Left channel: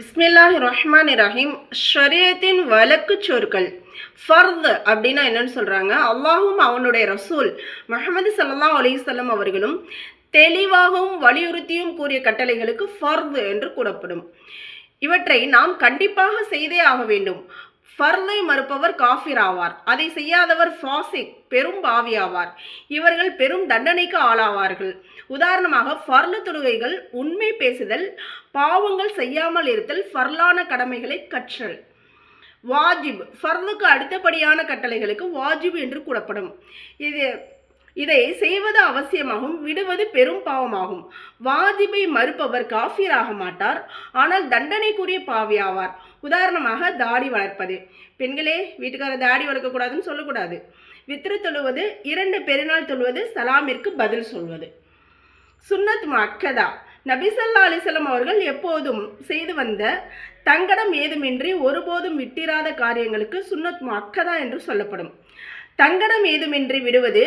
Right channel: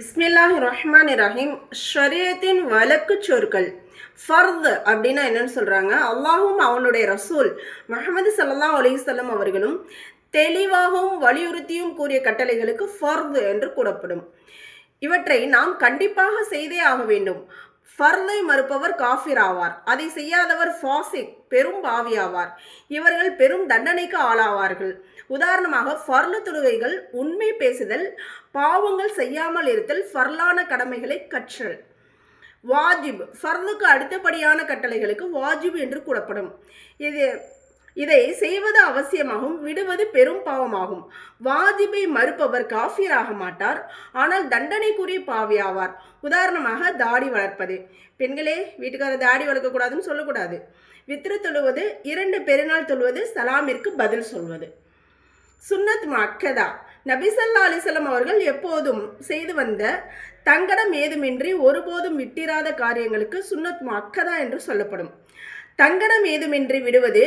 பிஸ்மில்லாஹிர்ரஹ்மானிர்ரஹீம். ஷரியத்தின் வழக்கு சொற்கள். ஃபர்த் அப்படின்னா என்னன்னு சொல்கிறாங்க. அல்லாஹும் அவனுடைய ரசூல் முஹம்மது ஸல்லல்லாஹு அலைஹி வஸல்லம் அவர்களும் தெளிவாகவும் வலியுறுத்தியும் கூறிய கட்டளைகளுக்கு ஃபர்த் என்று கூறப்படும். இவற்றை நாம் கண்டிப்பாக செய்தே ஆக வேண்டும். ஃபர்லை மறுப்பவர் காஃபிர் ஆவார். அதை செய்யாதவர் ஃபாசிக் பெரும் பாவி ஆவார். இவர்கள் பெரும் தண்டனைக்கு ஆளாவார்கள். உதாரணமாக ஃபர்லு தொழுகைகள், உண்மை பேசுதல், பாவங்கள் செய்யாமல் இருத்தல், ஃபர்லான கடமைகளை கற்றல். வாஜிப் ஃபர்லுக்கு அடுத்தபடியான கட்டளைகளுக்கு வாஜிப் என்று கூறப்படும். இதை செய்வது அவசியமாகும், விடுவது பெரும் பாவமாகும். வாஜிபை மறுப்பவர் காஃபிர் ஆக மாட்டார், ஆனால் தண்டனைக்குரிய பாவி ஆவார். உதாரணமாக தாடி வளர்ப்பது. பெண்களே, வீட்டுக்காரர் தாடி வளர்க்கக்கூடாதுன்னு சொல்லக்கூடாது. வித்ரு தொழுவது, 2 பெருநாள் தொழுவது, சலாமிற்கு பதில் சொல்வது. சுன்னத் முஅக்கதா. நபி ஸல்லல்லாஹு அலைஹி வஸல்லம் அவர்கள் எப்போதும் செய்து வந்த தங்கடம் ஏதுமின்றி ஒருபோதும் விட்டிராத காரியங்களுக்கு சுன்னத் முஅக்கதா என்று சொல்லப்படும். தங்கடம் ஏதுமின்றி விடுவது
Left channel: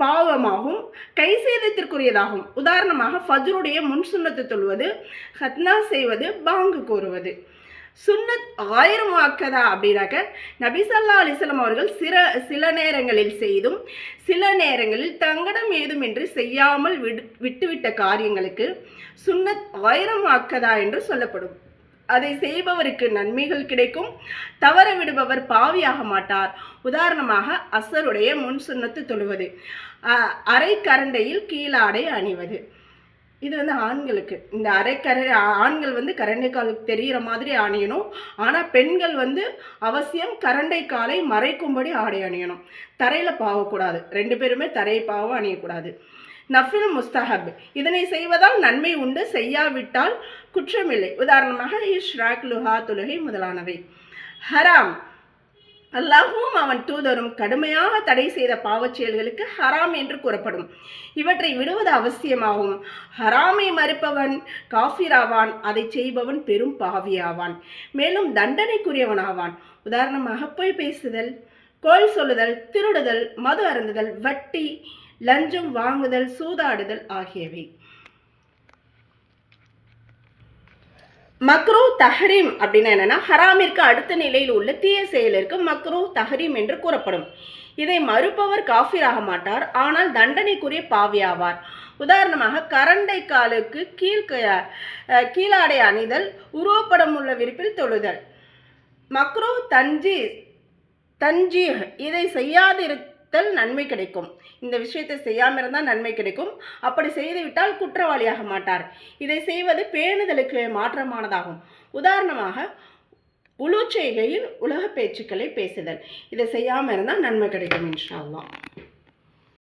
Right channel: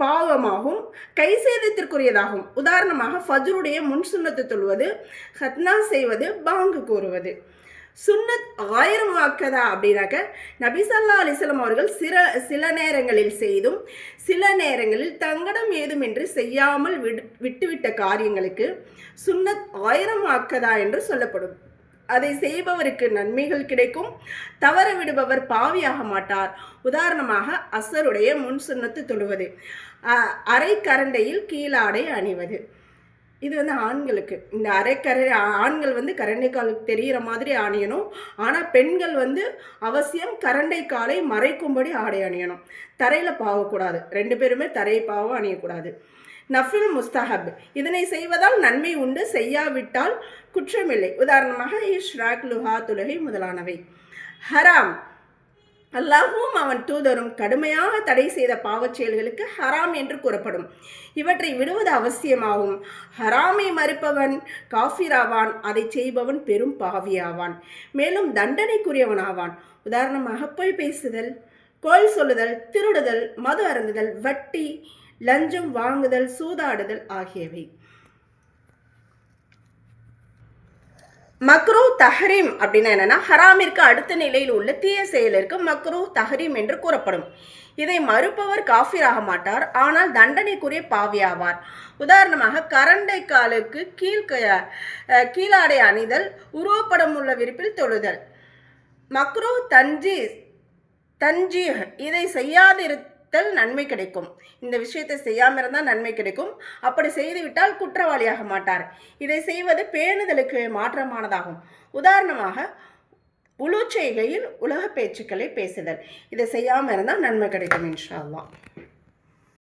பாவமாகும், கை சேதத்திற்குரியதாகும். உதாரணமாக ஃபஜ்ருடைய முன் சுன்னத்து தொழுவது, ஹத்னா செய்வது, பாங்கு கூறுவது. சுன்னத் 1000 முஅக்கதா அப்படின்னாக்க நபி ஸல்லல்லாஹு அலைஹி வஸல்லம் அவர்கள் சில நேரங்களில் செய்தும் சில நேரங்களில் தங்கடம் ஏதுமின்றி செய்யாமல் விட்டுவிட்ட காரியங்களுக்கு சுன்னத் 1000 முஅக்கதா என்று சொல்லப்படும். அதை செய்பவருக்கு நன்மைகள் கிடைக்கும், தவற விடுபவர் பாவியாக மாட்டார். உதாரணமாக அசருடைய முன் சுன்னத்து தொழுவது, அரை கரண்டையில் கீழாடை அணிவது. இது ஆண்களுக்கு. இந்த ஆண்கள் கரண்டை காலுக்கு தெரிகிற மாதிரி அணியணும். ஆனால் பெண்கள் அவசியம் கரண்டை காலை மறைக்கும்படி ஆடை அணியணும். தரையில் பாவக்கூடாது. 2 பேருமே தரை பாவம் அணியக்கூடாது. நஃபில் முஸ்தஹப். இதனை செய்வதால் நன்மை உண்டு, செய்யாவிட்டால் குற்றமில்லை. உதாரணமாக இஷ்ராக், லுஹா தொழுகை முதலானவை. ஹராம். அல்லாஹும் அவன் தூதரும் கடுமையாக தடை செய்த பாவச் செயல்களுக்கு ஹராம் என்று கூறப்படும். இவற்றை விடுவது அவசியமாகும். ஹராமை மறுப்பவன் காஃபிராவான், அதை செய்பவன் பெரும் பாவியாவான், மேலும் தண்டனைக்குரியவனாவான். உதாரணமாக பொய் பேசுதல், கோல் சொல்லுதல், திருடுதல், மது அருந்துதல், வட்டி, லஞ்சம் வாங்குதல், சூதாடுதல் ஆகியவை. மக்ரூ தஹ்ரீம் அப்படின்னா என்னன்னா, ஹராமிற்கு அடுத்த நிலையில் உள்ள தீய செயலிற்கு மக்ரூ தஹ்ரீம் என்று கூறப்படும். இதை மறுப்பவர் காஃபிர் ஆக மாட்டார், ஆனால் தண்டனைக்குரிய பாவியாவார். உதாரணமாக கரண்டை காலுக்கு கீழாடை அணிதல், உருவப்படம் உள்ள விரிப்பில் தொழுதல். மக்ரூ தன்ஜீஹ். இதை செய்யாதிருத்தல் நன்மை கிடைக்கும். இந்த விஷயத்தை செய்யாமல் இருந்தால் நன்மை கிடைக்கும். அப்படி செய்துவிட்டால் குற்றவாளியாக மாட்டார். இதை செய்வது பேணுதலுக்கு மாற்றமானதாகும். உதாரணமாக உளு செய்கையில் உலக பேச்சுக்களை பேசுதல். இதை செய்யாமல் இருந்தால் நன்மை கிடைக்கும் இன்ஷா அல்லாஹ்.